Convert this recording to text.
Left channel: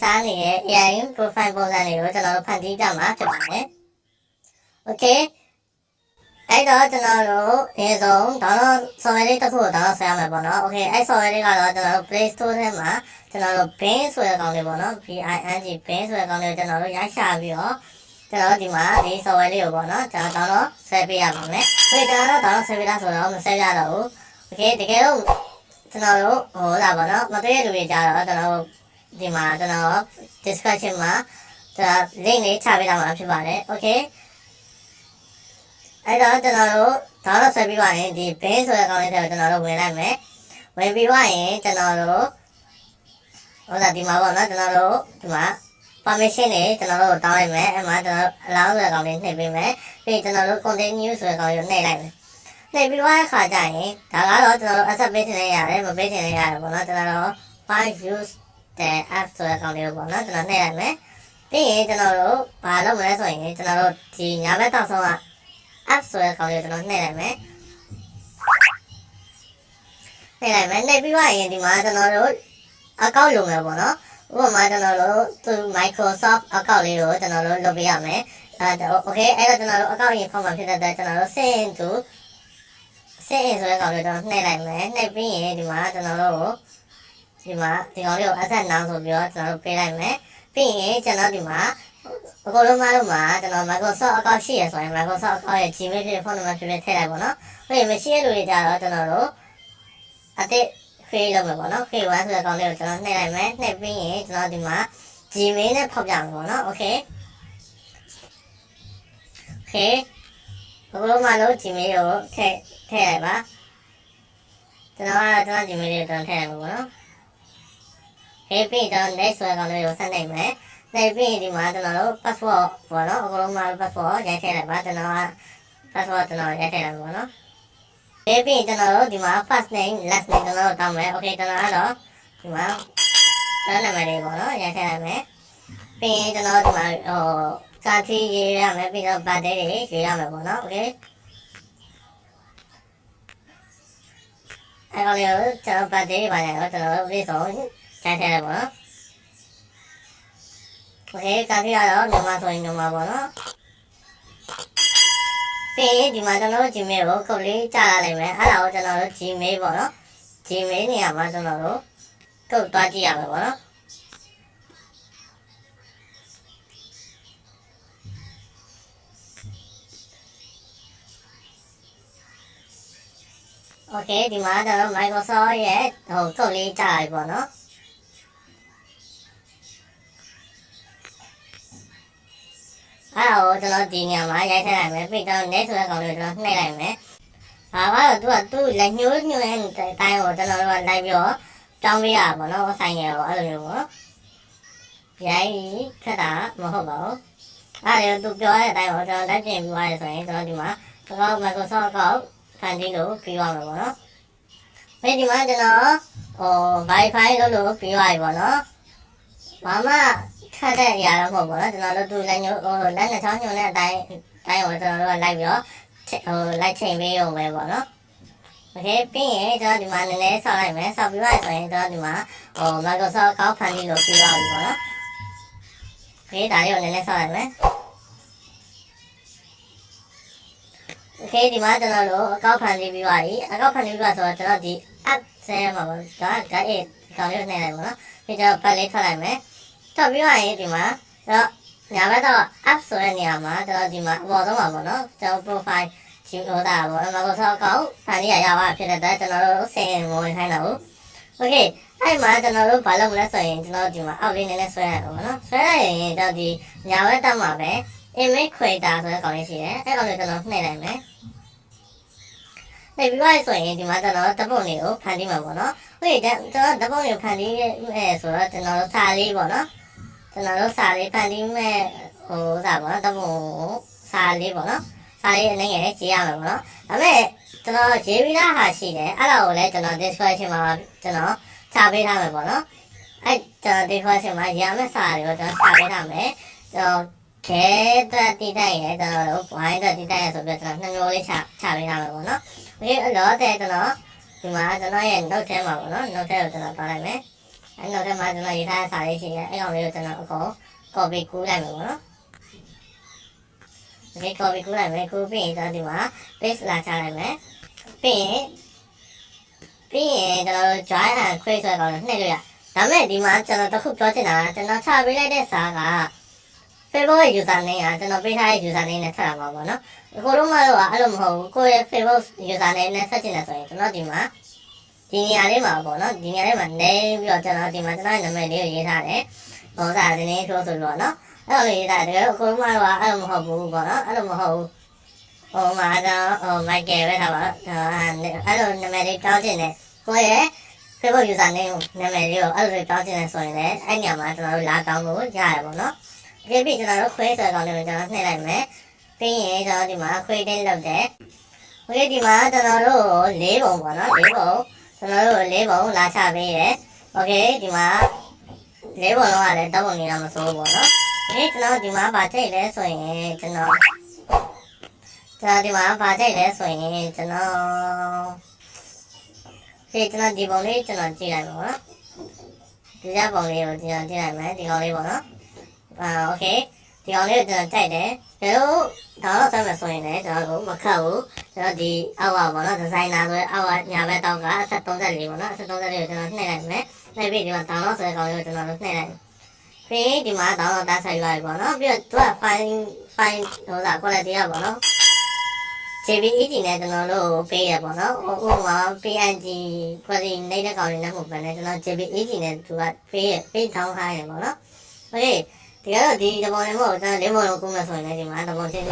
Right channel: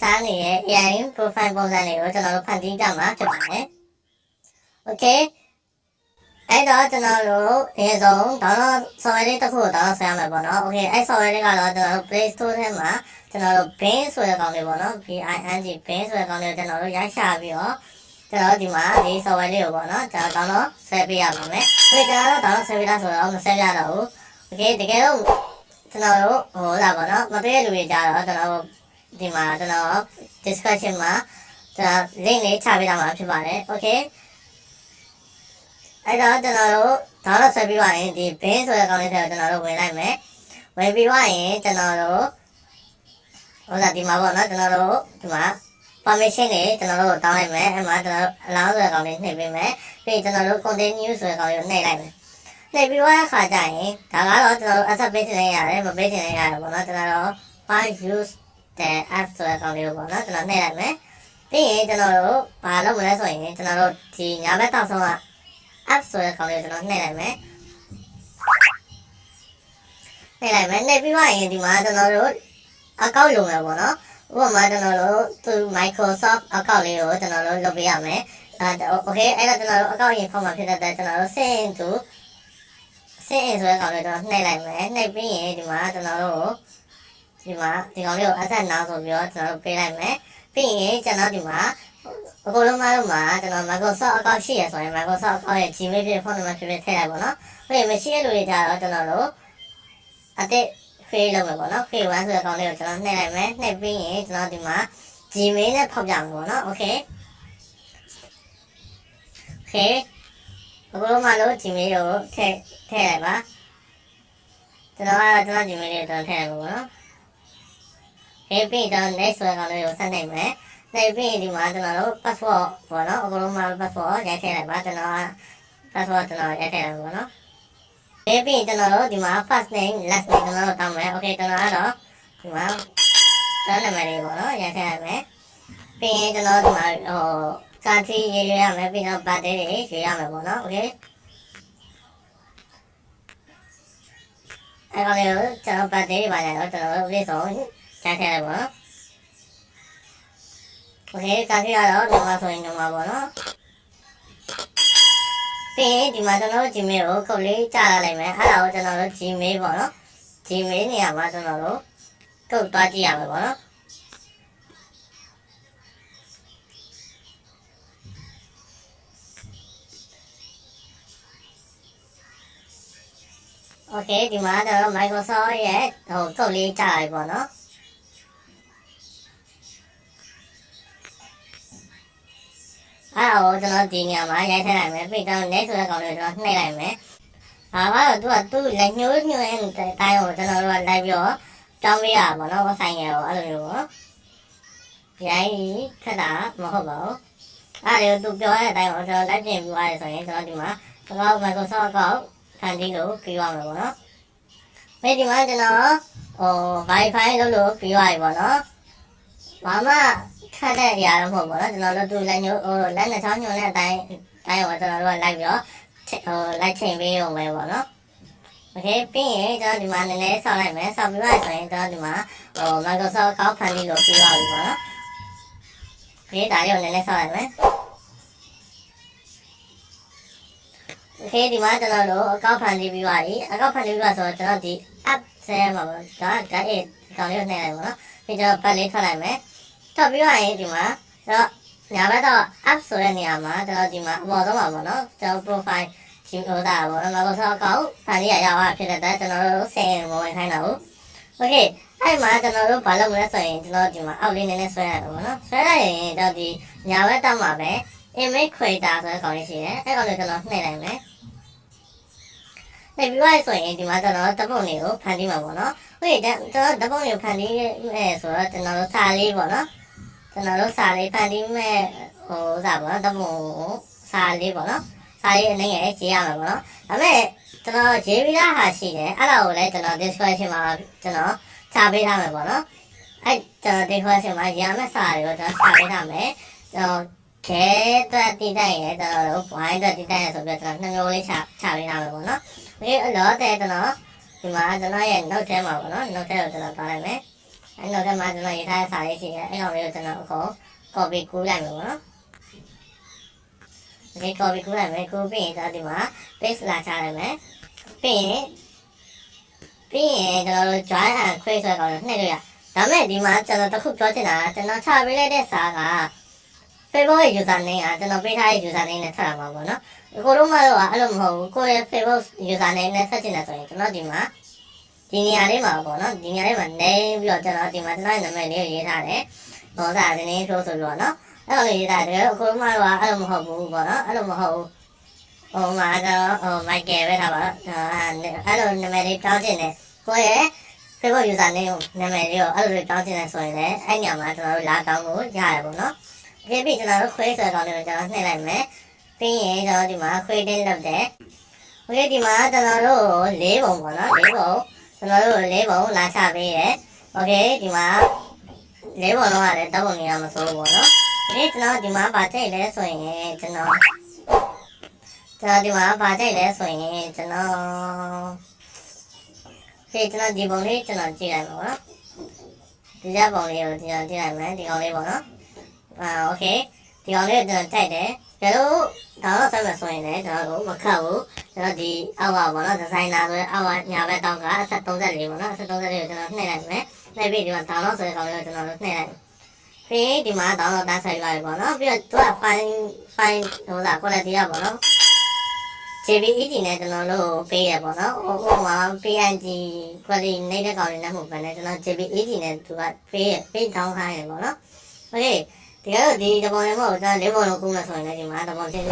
ရှားနေတဲ့ AI profile ပုံစံတွေကိုကျွန်တော်တို့ဖန်တီးကြမှာဖြစ်ပါတယ်။ Okay အဲ့တော့ကျွန်တော်တို့အရင်ဆုံး download software လေးတစ်ခုကို download ဆွဲရမယ်ပေါ့နော်။ Okay အဲ့ software လေးကတော့ကျွန်တော်တို့ Play Store ထဲမှာကျွန်တော်တို့ Bing ဆိုတဲ့ကောင်လေးပေါ့နော် BING Bing ဆိုတဲ့ကောင်လေးကိုကျွန်တော်တို့ရိုက်ရှာပြီးတော့ကျွန်တော်ဒီမှာဒီ software လေးကိုပေါ့နော်ကျွန်တော် download ဆွဲပေးရပါမယ်။ Okay ကျွန်တော်တို့ download ဆွဲပေးတာဆိုတော့မဆက်ပြတော့ဘူး။ Okay တကယ်လို့ကျွန်တော်တို့ဟိုလာပေါ့နော်မတွေ့ရလူတွေကြတော့ကျွန်တော်တို့ ဒီမှာကျွန်တော် description မှာကျွန်တော် link လေးချပေးထားမှာဖြစ်ပါတယ်။ Okay အဲ့တော့ကျွန်တော်တို့ဒါတော့ဆက်ပြီးပါရင်ဒီ bin ဆိုတဲ့ကောင်လေးထဲကိုကျွန်တော်တို့ဝင်လိုက်မယ်ဝင်ပြီးွားရင်ကျွန်တော်တို့ဟိုဒါဒီမှာပေါ့နော်ကျွန်တော်တို့ဒီမှာ permission တွေကျွန်တော်တို့တောင်းလိုက်မယ်အဲ့မှာကျွန်တော်တို့ allow ဆိုတဲ့ကောင်လေးနှိပ်ပေးမယ်ပြီးကျွန်တော်တို့ continue ဆိုတဲ့ကောင်လေးကိုနှိပ်လိုက်မယ်နှိပ်ပြီးွားတဲ့ခါကျရင်ဒါကတော့ကျွန်တော်တို့ accept ပေးချင်နေရတယ်မပေးချင်နေရတယ်ပေါ့နော်ကျွန်တော်တို့ file use the app ဆိုတဲ့ကောင်လေးကိုပေါ့နော်ကျွန်တော်နှိပ်လိုက်မယ်ပြီးရင်ကျွန်တော်တို့ဘာလုပ်မလဲဆိုရင်ကျွန်တော်တို့ဒီညာဘက်တောက်ဆုံးက app ဆိုတဲ့ကောင်လေးကိုကျွန်တော်နှိပ်လိုက်မယ်နှိပ်လိုက်မယ်နှိပ်ပြီးွားရင်ဒီမှာကျွန်တော်တို့အကောင့်လုပ်မယ်ပေါ့နော်ဥပမာကျွန်တော်တို့သူ Microsoft အကောင့်လေးကိုကျွန်တော်တို့လုပ်ပေးရမယ်အဲ okay အဲ့တော့ကျွန်တော်တို့အကောင့်ရင်ဖောက်မှာဖြစ်တဲ့အတွက်ကျွန်တော်တို့ sign in to sign in ဆိုတဲ့ကောင်လေးကျွန်တော်နှိပ်လိုက်မယ်နှိပ်ပြီးရင်ဒီမှာကျွန်တော်တို့ ဒီမှာဒီကောင်လေးကို asset now ဆိုပြီးတော့ကျွန်တော်တို့ပေးလိုက်မယ်ပြီးရင်ကျွန်တော်ဒီမှာအကုန်လုံးမလို့မှာကျွန်တော် Microsoft အကောင့်ရှိရဆိုရင် Microsoft အကောင့်ရဲ့ Gmail ဖြစ်ဖုန်းနံပါတ်ဖြစ်ဖြစ်ထည့်လိုက်ပါတော့။ဟုတ်ရင်မရှိတဲ့လူတွေကြတော့ကျွန်တော်တို့အတစ် create လုပ်မယ်ပေါ့နော် create one ဆိုတဲ့ကောင်လေးကိုကျွန်တော်နှိပ်လိုက်မယ်နှိပ်ပြီးရင်ကျွန်တော်ဒီမှာ Gmail နဲ့ဖောက်ပြမယ်ပေါ့နော် okay okay အကုန်လုံးမလို့ Gmail ကိုထည့်ထည့်လိုက်ပါကျွန်တော်ကတော့ကျွန်တော် Gmail လေးကိုကျွန်တော်ထည့်လိုက်မှာပေါ့နော် okay ပြီးတော့ next ဆိုတဲ့ကောင်လေးကိုဆက်နှိပ်မယ်နိုင်ပြီးဒီမှာကျွန်တော်တို့ password ပေါ့နော်အကုန်လုံးမှာ password ရိုက်ထည့်လိုက်ပါကျွန်တော်က password ကျွန်တော်ရိုက်ထည့်လိုက်ပါပေါ့နော်ဒီပြီးကျွန်တော်တို့ဒီမှာ first name last name ကျွန်တော်တို့တောင်းမယ် okay ကျွန်တော်ကတော့ဒီမှာကျွန်တော်နာမည်လေးပေါ့နော်ရိုက်ထည့်လိုက်မယ်ပြီးရင်ကျွန်တော်ဒီမှာဟို country ရေးရမယ်ပြီးတော့ birthday တွေရေးရမယ်ပေါ့နော် okay အဲ့ကောင်လေးကိုကျွန်တော် birthday တွေပါညာတော့ကျွန်တော်တို့ပြည့် စုံရိုက်ထည့်လိုက်ပါနော်โอเคကာထီကတော့မြန်မာဆိုရင်မြန်မာပေါ့နော်ပြီးရင်ဒီမှာကျွန်တော်တို့ Gmail ကိုခုတ်လေးကြာလာလိုက်မယ်အဲ့ဒါကိုကျွန်တော်တို့ Gmail ပေါ့နော် Gmail နေရာမှာကျွန်တော်တို့ကုတ်သွားကြည့်ရမယ်ပေါ့နော်โอเคဒီမှာကျွန်တော် Microsoft ရဲ့ဟိုကုတ်လေးကြာလာပြီပေါ့နော် အဲ့တော့ကျွန်တော်ဒီနေရာမှာရိုက်ထည့်လိုက်မယ်ပြီးတော့ next ဆိုတဲ့ကောင်လေးကိုကျွန်တော်နှိပ်လိုက်မယ်။ဘာမှတော့သူကသူ့လက်ညှိုးညှိုးရဲ့အတိုင်းကိုကျွန်တော်တို့ကလိုက်ပြီးတော့တောင်းပေးရပါဘောနော်ဆိုင်ငယ်ကိုအဲ့လိုမျိုးပေါ့။ရိုင်းခက်တာမဟုတ်ပါဘူး။အဲ့ဒါကိုသူပြောတဲ့အတိုင်းကိုကျွန်တော်လိုက်ပြင်ပြီးသွားရဆိုရင်ကျွန်တော်ဒီမှာအကောင့် Microsoft အကောင့်ဖန်တီးလို့ပြီးသွားမှာပေါ့နော်။ပြီးဒီမှာကျွန်တော်ဟို Wi-Fi လုပ်လို့ပြီးသွားပြီပေါ့နော်။ဘာမှ ခတ်တဲ့အရာတော့မဟုတ်ဘူးเนาะကျွန်တော်တို့သူလက်ညှိုးဟိုလက်နှစ်ချောင်းညွှန်တဲ့အတိုင်းအတိုင်းကိုကျွန်တော်တို့ကလိုက်ပြီးတော့ဟိုလိုက်ချိန်ပေးရုံပဲပေါ့နော်โอเคပြီးရင်ကျွန်တော်ဒီမှာနည်းနည်းဆောက်လိုက်မယ်ဆောက်ပြီးသွားဆိုရင်ကျွန်တော်ဒီမှာဟို Microsoft account ဖန်တီးလို့ပြီးသွားပြီပေါ့နော်โอเคဒါလေးကိုနည်းနည်းဆောက်လိုက်မယ်โอเคဒီမှာကျွန်တော်တို့အကောင့်ဖန်တီးပြီးသွားပြီအကောင့်ဖန်တီးပြီးသွားဆိုတော့ကျွန်တော်ဒီ app ဆဲမှာပေါ့ဒါဒါအေးဒီကောင်လေးကိုနှိပ်လိုက်ပါတော့ပြီးကျွန်တော်ပတ်လေးထွက်လိုက်မယ် ထွက်ပြီးသွားရင်ဒီမှာတော့ညာဘက်တော့ app ဆိုတဲ့နေရာမှာကျွန်တော်ဒီမှာအပေါ်ဆုံးပါပေါ့နော်ကျွန်တော် profile ဒီဟိုတာပေါ့ Microsoft account ဖန်တီးရရပါဖြစ်တဲ့အတွက်ကျွန်တော်တို့ဆင်မဝင်ခိုင်းတော့ဘူး Okay အဲ့မှာကျွန်တော်တို့ဘာလုပ်မလဲဆိုရင်ကျွန်တော်ဒီမှာအောက်လေးနည်းနည်းဆွဲရတယ်ပေါ့နော်ဆွဲလိုက်ရင်ကျွန်တော်ဒီညာဘက်တက်မှာပဲ image creator ဆိုတဲ့ကောင်လေးရှိတယ်အဲ့ကောင်လေးကျွန်တော်နှိပ်လိုက်မယ်နှိပ်ပြီးသွားဆိုရင်ဒီမှာကျွန်တော်တပ်ပုံတွေကိုဖန်တီးမှာပေါ့နော်ဟုတ်တယ်ကျွန်တော်တပ်ပုံတွေကိုဖန်တီးရဲဆိုတော့ကျွန်တော်တို့စာလေးပေါ့နော် ကျွန်တော်တို့စာလေးဖန်တီးမဲ့ဟိုစာပေါ့နော်တပ်ပုံစာလေးပေါ့နော်စာလေးအနေငယ်ရေးရမှာပေါ့နော်ဒါပေမဲ့ကျွန်တော်ရေးပြီးသားဟာရှိတယ်အဲ့ဒါကိုလည်းကျွန်တော် description မှာကျွန်တော်ချပေးထားမယ်ပေါ့နော်အဲ့ကျွန်တော် description မှာရမယ့်စာတွေကိုကျွန်တော်ချပေးထားမယ်ကျွန်တော်ခဲတက်တိတိုက်ရဲကျွန်တော်တို့ဝိုင်းတက်တိတိုက်ရဲဆိုပြီးကျွန်တော်နှစ်မျိုးလေးချချပေးထားမယ်ပေါ့နော်ဒီအလောတဲ့ကျွန်တော်ဒီမှာကျွန်တော်ရဲ့ note ထဲမှာပေါ့နော် note ထဲကိုကျွန်တော်ပါလိုက်မယ် အဲ့နောက်ထပ်မှာကျွန်တော်ရေးထားတဲ့စာလေးရှိတယ်အဲ့ကောင်လေးကိုကျွန်တော်အကုန် copy ကူးလိုက်မယ်ပေါ့နော် Okay copy ကူးလိုက်မယ်ကူးပြီးရင်ကျွန်တော်ဒီမှာ paste လာချလိုက်မယ်ပြီးရင်ပြီးရင်ကျွန်တော်တို့ join and create ဆိုတဲ့ကောင်လေးနှိပ်လို့ရဒါမဲ့ဒီမှာကျွန်တော်တစ်ခုပြောချင်တာကကျွန်တော်ချပေးလိုက်တဲ့စာက Facebook ရဲ့ user name ကကျွန်တော်ပေးထားတဲ့ user name နဲ့ထပ်လာမှာပေါ့နော်အကုန်လုံးမတော့အဲ့လိုမဟုတ်ဘူးကိုယ့်ရဲ့ Facebook user name နဲ့ဆက်ချင်တယ်ဆိုရင်ကျွန်တော်ဒီမှာ ဒီနေရာလေးမှာပေါ့နော်ဒီနေရာလေးမှာနေပြီးတော့ကျွန်တော်ဒီမှာကျွန်တော်ရဲ့နာမည်လေးကိုရေးထားတယ်ဘောစာဒီနေ့ထိုးဆိုလို့နော်အဲ့လိုရေးထားတယ်အကုန်လုံးမတော့အဲ့လိုမဟုတ်ဘူးပေါ့နော်အဲ့လိုမဟုတ်ဘူးဟိုမှာတော့ဟို Michael ပဲထားပါတော့အဲ့လိုနာမည်လေးတောင်းချင်တယ်ကိုယ့်ရဲ့ Facebook user name နာမည်လေးကိုအဲ့လိုတောင်းချင်တယ်ဆိုရင်လည်းအဲ့ညမှာကျွန်တော်တို့လာတောင်းလို့ရတယ်ပေါ့နော် ဒီပြီကျွန်တော်တို့ခွဲဆွဲကောင်းလေးကိုကျွန်တော်နှိပ်လိုက်မယ်ပြီးရင်ကျွန်တော်ဒီမှာခွဲတင်းလုပ်တယ်โอเคဒီမှာကျွန်တော်တို့၄ပုံပေါ့နော်၄ပုံ ကျွန်တော်တို့၄ပုံလာချပေးတယ်โอเคဒီမှာ၄ပုံလုံးကလည်းတောက်ပုံနေတာမဆိုးဘူးပေါ့နော်โอเคကျွန်တော်ဒီမှာဗာကြိတ်လဲဆိုရင်ကျွန်တော်ကျွန်တော်ဒီမှာဗာကြိတ်လဲဆိုရင်ကျွန်တော်ဒီကျွန်တော်ဒီပုံလေးကျွန်တော်ကြည့်လိုက်ပါပေါ့နော်ဒီကြပုံလေးကိုကျွန်တော်ကြည့်လိုက်မယ်ဒီကောင်လေးပေါ့နော် အာโอเค ဒီကောင်လေးကိုကျွန်တော်ကြိုက်တယ်ကျတော့ဒါတော့ဆက်မယ်ဆိုရင်လည်းကျွန်တော်တို့မခတ်ဘူးကျွန်တော်ဒီအောက်ပါပေါ့နော်ဒီဇိုင်နာဆိုရင်အောက်ကညာဘက်တောက်ကအဆက်34ပေါ့နော်အဆက်34ကိုကျွန်တော်နှိပ်လိုက်မယ်နှိပ်ပြီးဒီမှာ download ဆိုတဲ့ကောင်လေးကိုကျွန်တော်တို့နှိပ်လိုက်ပြီးဒီမှာ download တာဆိုင်လိုက်ပေါ့နော်ပြီးတော့သူက file file ဟိုစာ quality ကပေါ့နော် JPEG နဲ့ကျွန်တော်တို့ပေးရပေါ့နော်ဟိုဟိုမှာ PNG quality နေတဲ့ကောင်လေးနဲ့မဟုတ်ဘဲနဲ့ကျွန်တော် JPEG နဲ့သူကပေးရပေး down ခိုင်းတယ်ပေါ့နော်โတကယ်တော့ဒီတဘောလည်းမဟုတ်ဘူးဒါလေးဘောလုံးကုမယ်ဆိုရင်လည်းဒီမှာတဘောချင်း